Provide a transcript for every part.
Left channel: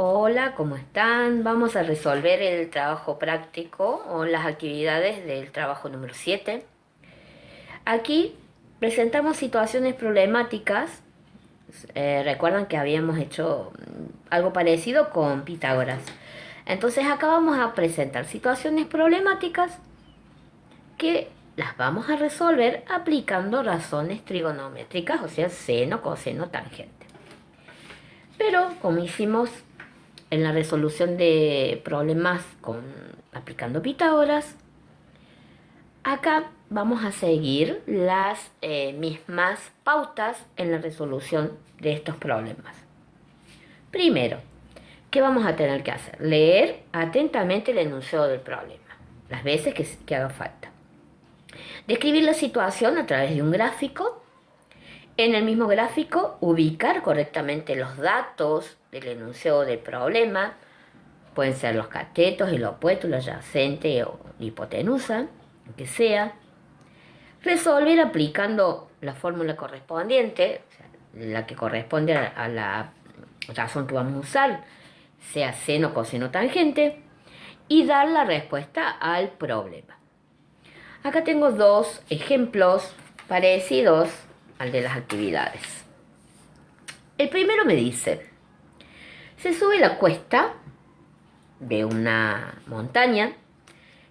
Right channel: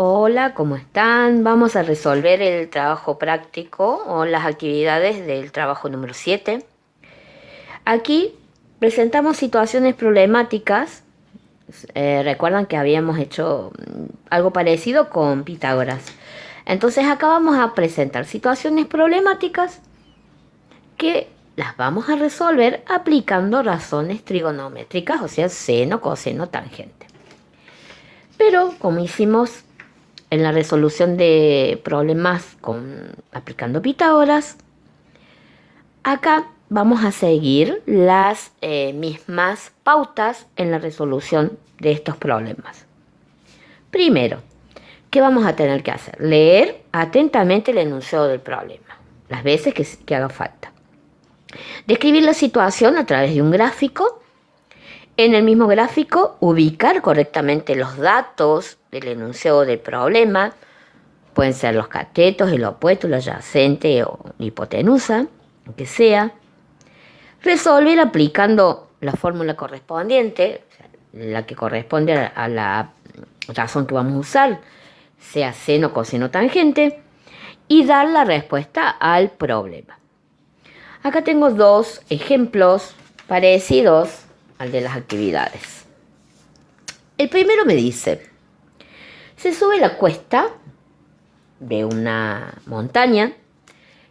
Hola, ¿cómo están? Vamos a resolver el trabajo práctico o las actividades del trabajo número 7. Aquí presentamos situaciones problemáticas. Recuerdan que habíamos hecho algo parecido con Pitágoras. Entonces acá vamos a presentar situaciones problemáticas que las vamos a resolver aplicando razones trigonométricas, o sea, seno, coseno, tangente. Pero como hicimos en la resolución de problemas aplicando Pitágoras, acá vamos a seguir las mismas pautas en la resolución de estos problemas. Primero, ¿qué vamos a tener que hacer? Leer atentamente el enunciado del problema, las veces que haga falta. Describir la situación a través de un gráfico. En el mismo gráfico, ubicar correctamente los datos del enunciado del problema. Pueden ser los catetos, el opuesto, el adyacente o la hipotenusa, que sea. Resolver aplicando la fórmula correspondiente, la que corresponde a la razón que vamos a usar, sea seno, coseno, tangente, y dar la respuesta al problema. Acá tengo dos ejemplos parecidos al de las actividades. El primero me dice, se sube la cuesta de una montaña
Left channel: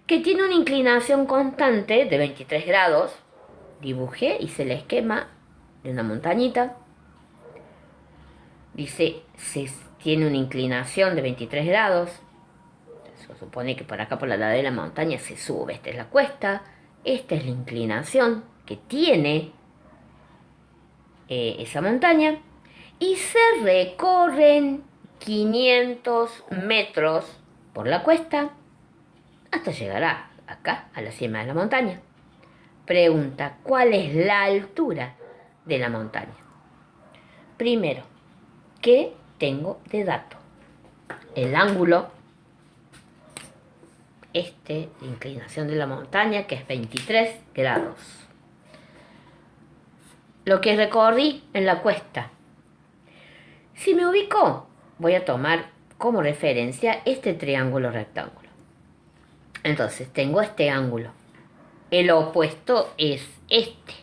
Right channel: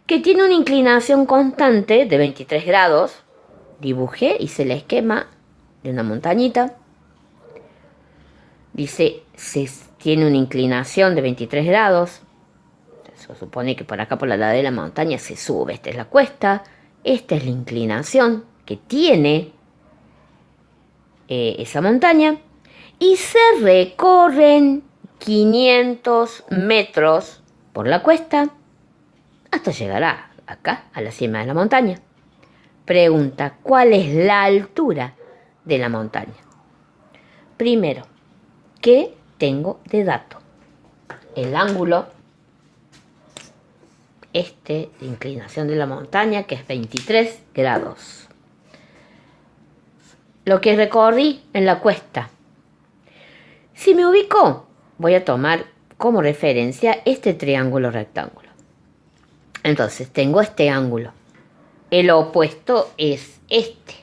que tiene una inclinación constante de 23 grados. Dibujé, hice el esquema de una montañita. Dice, tiene una inclinación de 23 grados. Se supone que por acá, por la ladera de la montaña, se sube. Esta es la cuesta. Esta es la inclinación que tiene esa montaña. Y se recorren 500 metros por la cuesta hasta llegar acá, a la cima de la montaña. Pregunta, ¿cuál es la altura de la montaña? Primero, ¿qué tengo de dato? El ángulo, de inclinación de la montaña, que es 23 grados. Lo que recorrí en la cuesta. Si me ubico, voy a tomar como referencia este triángulo rectángulo. Entonces, tengo este ángulo. El opuesto es este.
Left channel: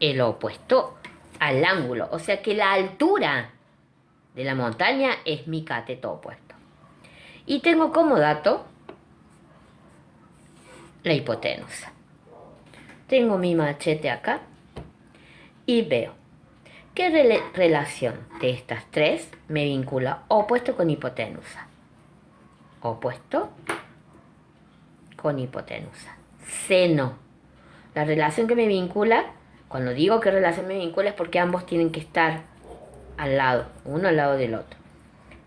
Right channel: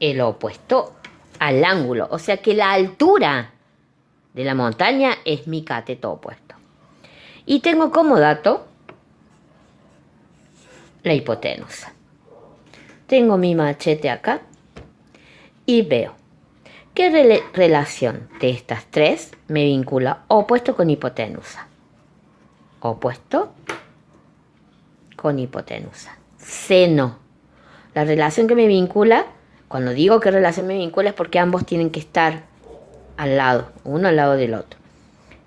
El opuesto al ángulo. O sea que la altura de la montaña es mi cateto opuesto. Y tengo como dato la hipotenusa. Tengo mi machete acá y veo qué relación de estas tres me vincula opuesto con hipotenusa. Opuesto con hipotenusa. Seno. La relación que me vincula, cuando digo qué relación me vincula es porque ambos tienen que estar al lado, uno al lado del otro.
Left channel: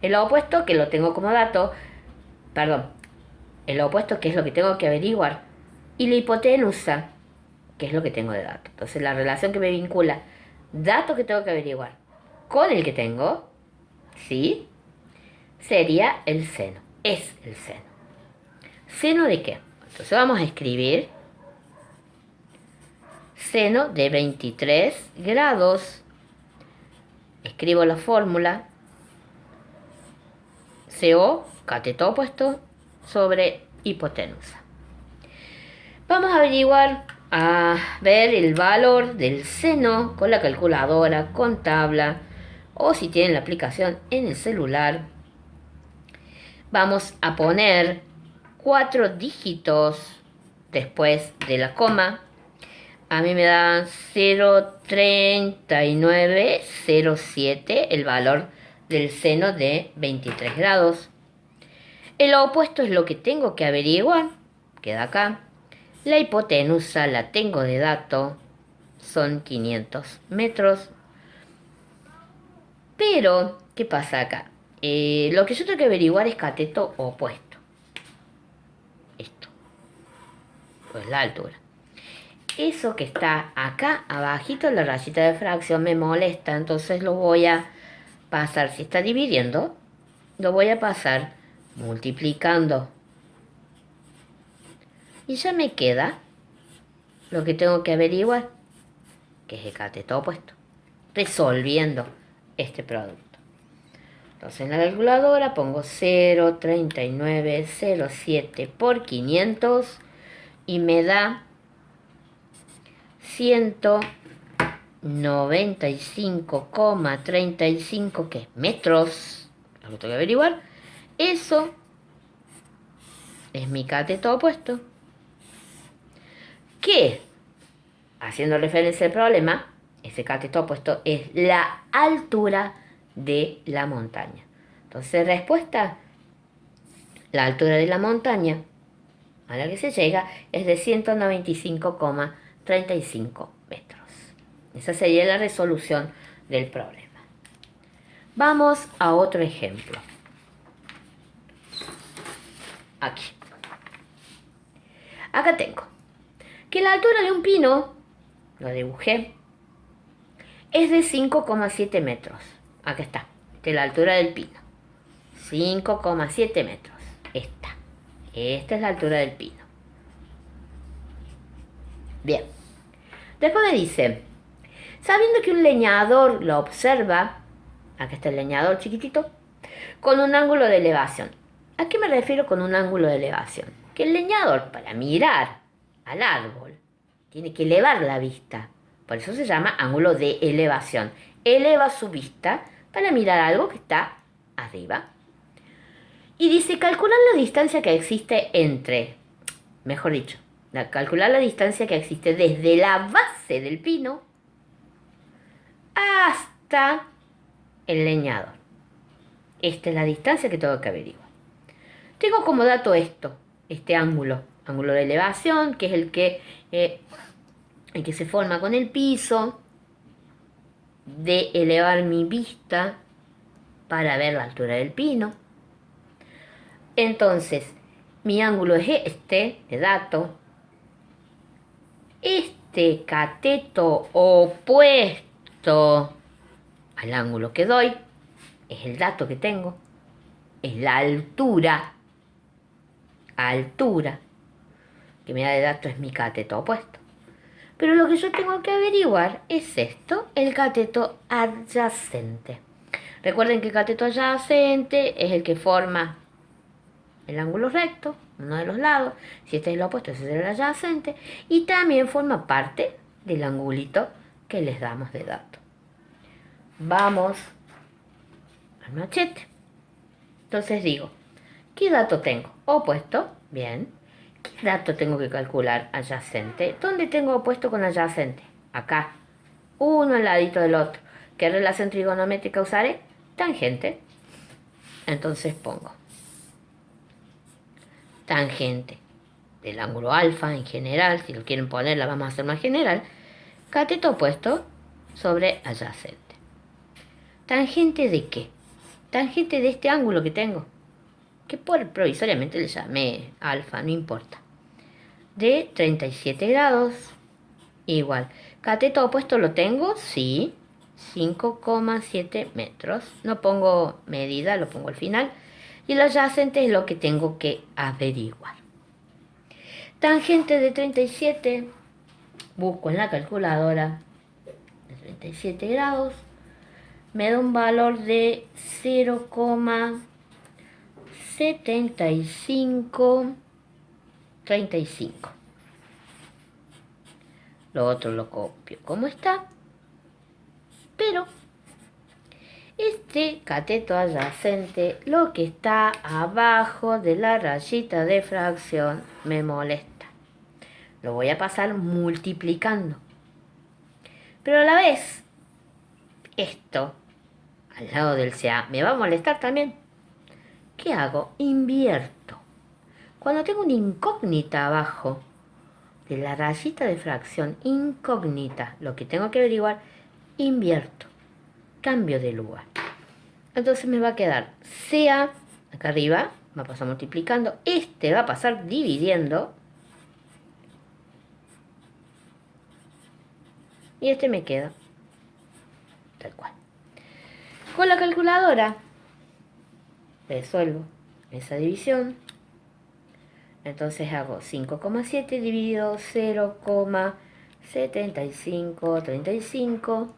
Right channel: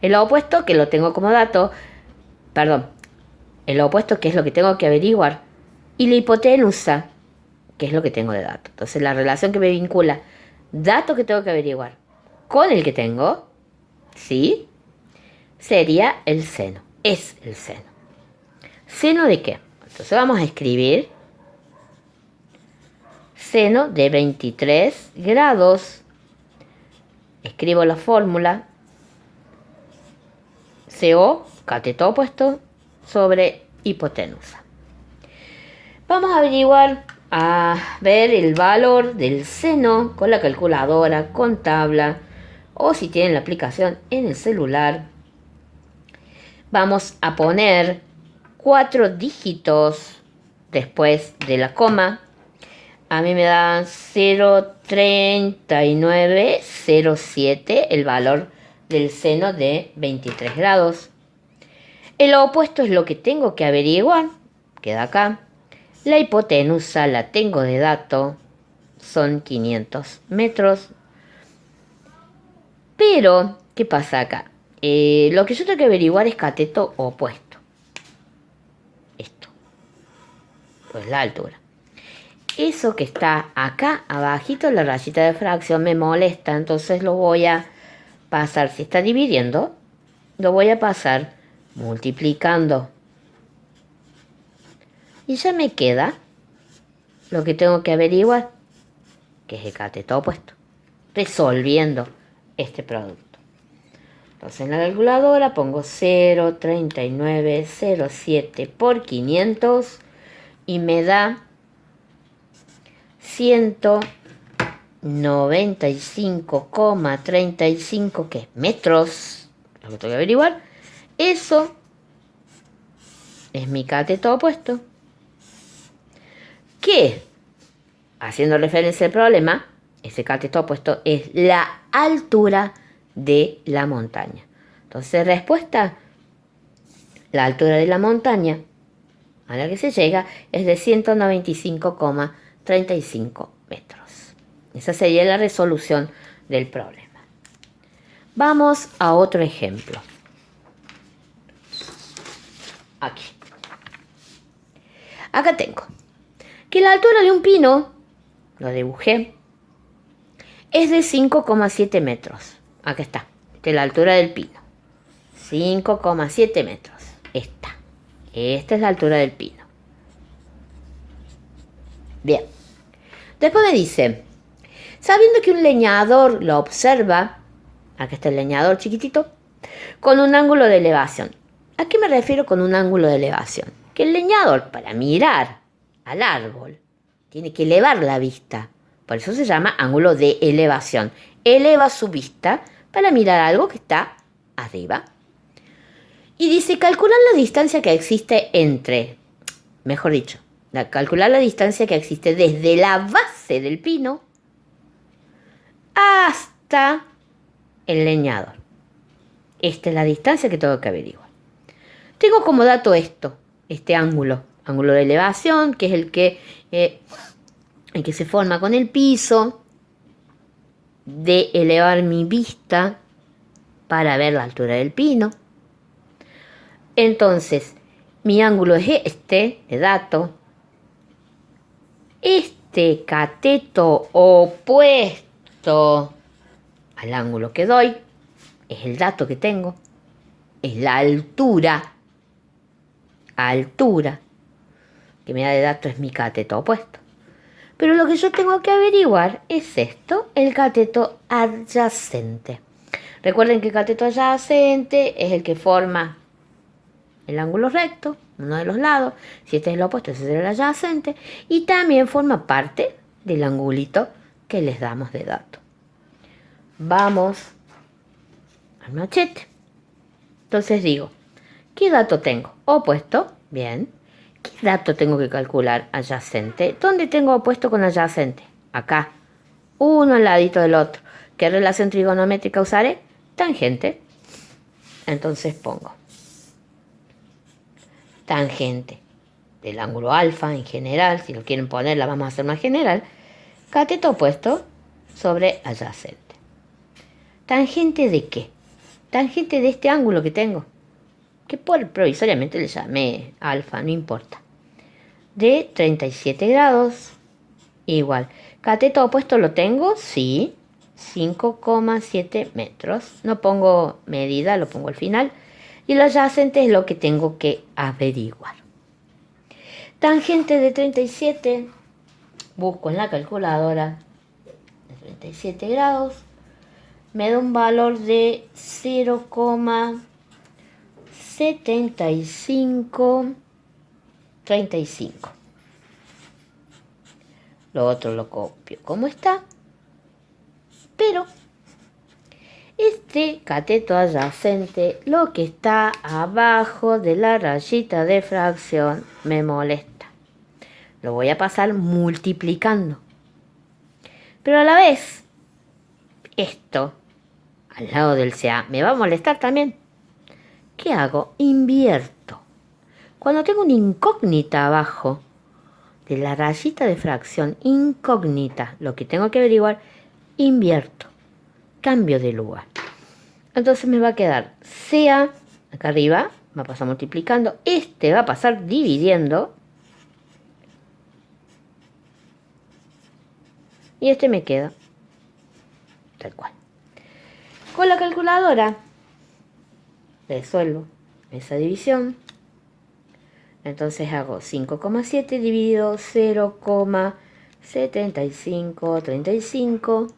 El opuesto, que lo tengo como dato, el opuesto, que es lo que tengo que averiguar, y la hipotenusa, que es lo que tengo de dato. Entonces, la relación que me vincula, dato que tengo que averiguar, con el que tengo, ¿sí? Sería el seno. Es el seno. ¿Seno de qué? Entonces, vamos a escribir seno de 23 grados. Escribo la fórmula. CO, cateto opuesto, sobre hipotenusa. Vamos a averiguar, a ver el valor del seno con la calculadora, con tabla, o si tienen la aplicación en el celular. Vamos a poner 4 dígitos después de la coma. A mí me dan 0,3907 el valor del seno de 23 grados. El opuesto es lo que tengo que averiguar, queda acá. La hipotenusa la tengo de dato, son 500 metros. Pero, ¿qué pasa acá? Lo que yo tengo que averiguar es cateto opuesto. Esto, pues la altura. Eso que está acá abajito en la rayita de fracción me molesta, entonces lo voy a pasar, si está dividiendo, lo voy a pasar multiplicando. Y ya me queda lo que tengo que averiguar, que es el cateto opuesto, resolviendo este producto. Entonces en la calculadora pongo 0,3907 por 500 y me da 195,35 ¿qué? Metros. Lo que tengo que averiguar. Eso es mi cateto opuesto. Que, haciendo referencia al problema, ese cateto opuesto es la altura de la montaña. Entonces, respuesta, la altura de la montaña a la que se llega es de 195,35 metros. Esa sería la resolución del problema. Vamos a otro ejemplo. Aquí. Acá tengo que la altura de un pino, lo dibujé, es de 5,7 metros. Acá está. Esta es la altura del pino. 5,7 metros. Esta es la altura del pino. Bien. Después me dice, sabiendo que un leñador lo observa, acá está el leñador chiquitito, con un ángulo de elevación. ¿A qué me refiero con un ángulo de elevación? Que el leñador, para mirar al árbol, tiene que elevar la vista. Por eso se llama ángulo de elevación. Eleva su vista para mirar algo que está arriba. Y dice, calcular la distancia que existe entre, mejor dicho, calcular la distancia que existe desde la base del pino hasta el leñador. Esta es la distancia que tengo que averiguar. Tengo como dato este ángulo de elevación, que es el que se forma con el piso, de elevar mi vista para ver la altura del pino. Entonces, mi ángulo es de dato. Este cateto opuesto al ángulo que doy es el dato que tengo, es la altura que me da de dato es mi cateto opuesto. Pero lo que yo tengo que averiguar es esto, el cateto adyacente. Recuerden que el cateto adyacente es el que forma el ángulo recto, uno de los lados. Si este es el opuesto, ese será el adyacente. Y también forma parte del angulito que les damos de dato. Vamos al machete. Entonces digo, ¿qué dato tengo? Opuesto, bien. ¿Qué dato tengo que calcular? Adyacente. ¿Dónde tengo opuesto con adyacente? Acá. Uno al ladito del otro. ¿Qué relación trigonométrica usaré? Tangente. Entonces pongo tangente del ángulo alfa en general. Si lo quieren poner, la vamos a hacer más general. Cateto opuesto sobre adyacente. ¿Tangente de qué? Tangente de este ángulo que tengo, que provisoriamente le llamé alfa, no importa, de 37 grados, igual. Cateto opuesto lo tengo, sí, 5,7 metros. No pongo medida, lo pongo al final. Y el adyacente es lo que tengo que averiguar. Tangente de 37, busco en la calculadora de 37 grados, me da un valor de 0,7535. Lo otro lo copio como está. Pero este cateto adyacente, lo que está abajo de la rayita de fracción, me molesta. Lo voy a pasar multiplicando. Pero a la vez, esto, al lado del CA, me va a molestar también. ¿Qué hago? Invierto. Cuando tengo una incógnita abajo de la rayita de fracción, incógnita, lo que tengo que averiguar, invierto. Cambio de lugar. Entonces me va a quedar CA, acá arriba, va a pasar multiplicando. Este va a pasar dividiendo. Y este me queda tal cual. Con la calculadora resuelvo esa división. Entonces hago 5,7 dividido 0,7535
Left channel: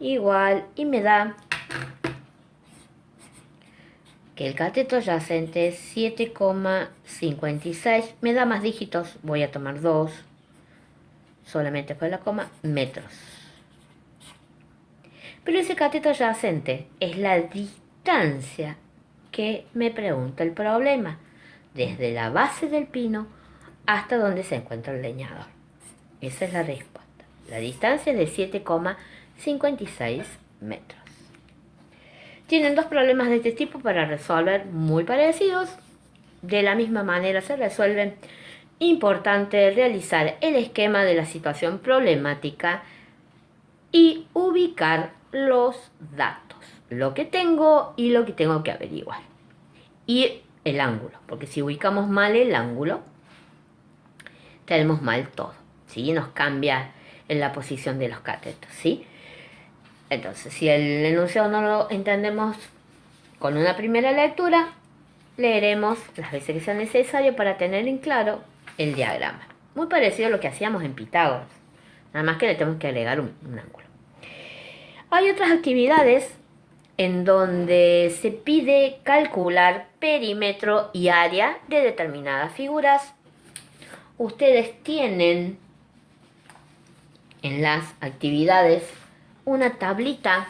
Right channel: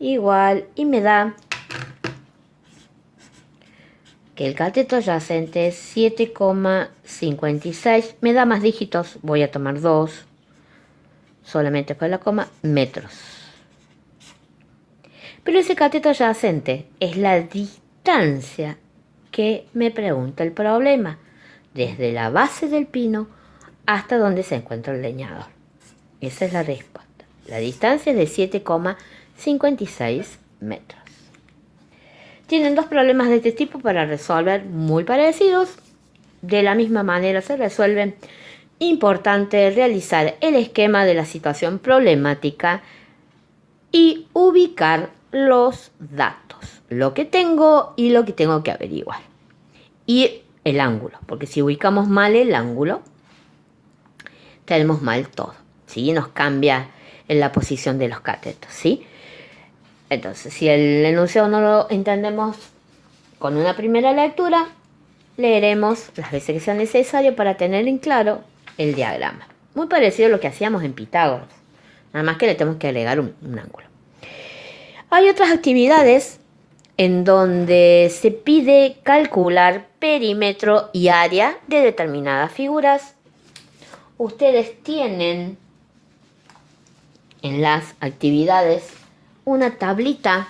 igual, y me da que el cateto adyacente es 7,56. Me da más dígitos, voy a tomar 2, solamente por la coma, metros. Pero ese cateto adyacente es la distancia que me pregunta el problema, desde la base del pino hasta donde se encuentra el leñador. Esa es la respuesta. La distancia es de 7,56 metros. Tienen dos problemas de este tipo para resolver muy parecidos. De la misma manera se resuelven. Importante realizar el esquema de la situación problemática y ubicar los datos, lo que tengo y lo que tengo que averiguar. Y el ángulo, porque si ubicamos mal el ángulo, tenemos mal todo, ¿sí? Nos cambia en la posición de los catetos, ¿sí? Entonces, si el enunciado no lo entendemos con una primera lectura, leeremos las veces que sea necesario para tener en claro el diagrama. Muy parecido a lo que hacíamos en Pitágoras, nada más que le tenemos que agregar un ángulo. Hay otras actividades en donde se pide calcular perímetro y área de determinadas figuras. Ustedes tienen en las actividades una tablita,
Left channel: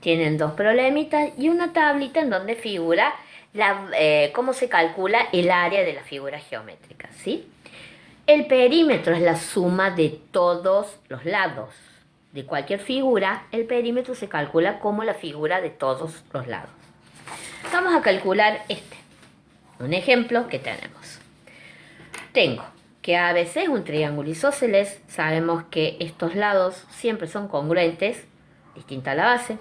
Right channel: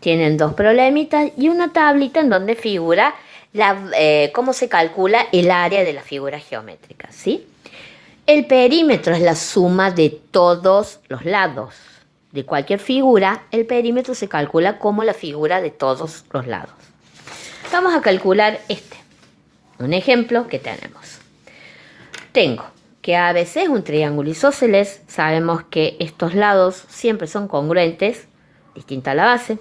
tienen dos problemitas y una tablita en donde figura cómo se calcula el área de la figura geométrica, ¿sí? El perímetro es la suma de todos los lados. De cualquier figura, el perímetro se calcula como la figura de todos los lados. Vamos a calcular un ejemplo que tenemos. Tengo que ABC es un triángulo isósceles. Sabemos que estos lados siempre son congruentes, distinta a la base.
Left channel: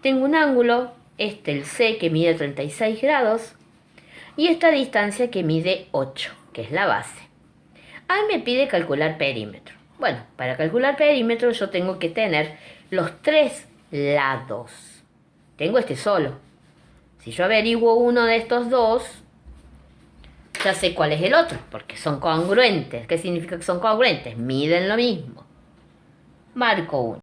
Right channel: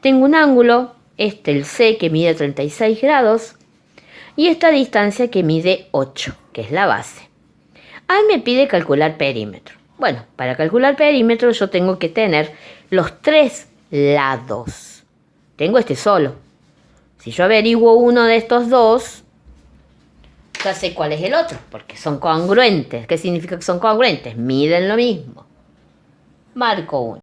Tengo un ángulo, el C, que mide 36 grados, y esta distancia que mide 8, que es la base. Ahí me pide calcular perímetro. Bueno, para calcular perímetro yo tengo que tener los tres lados. Tengo solo. Si yo averiguo uno de estos dos, ya sé cuál es el otro, porque son congruentes. ¿Qué significa que son congruentes? Miden lo mismo. Marco uno.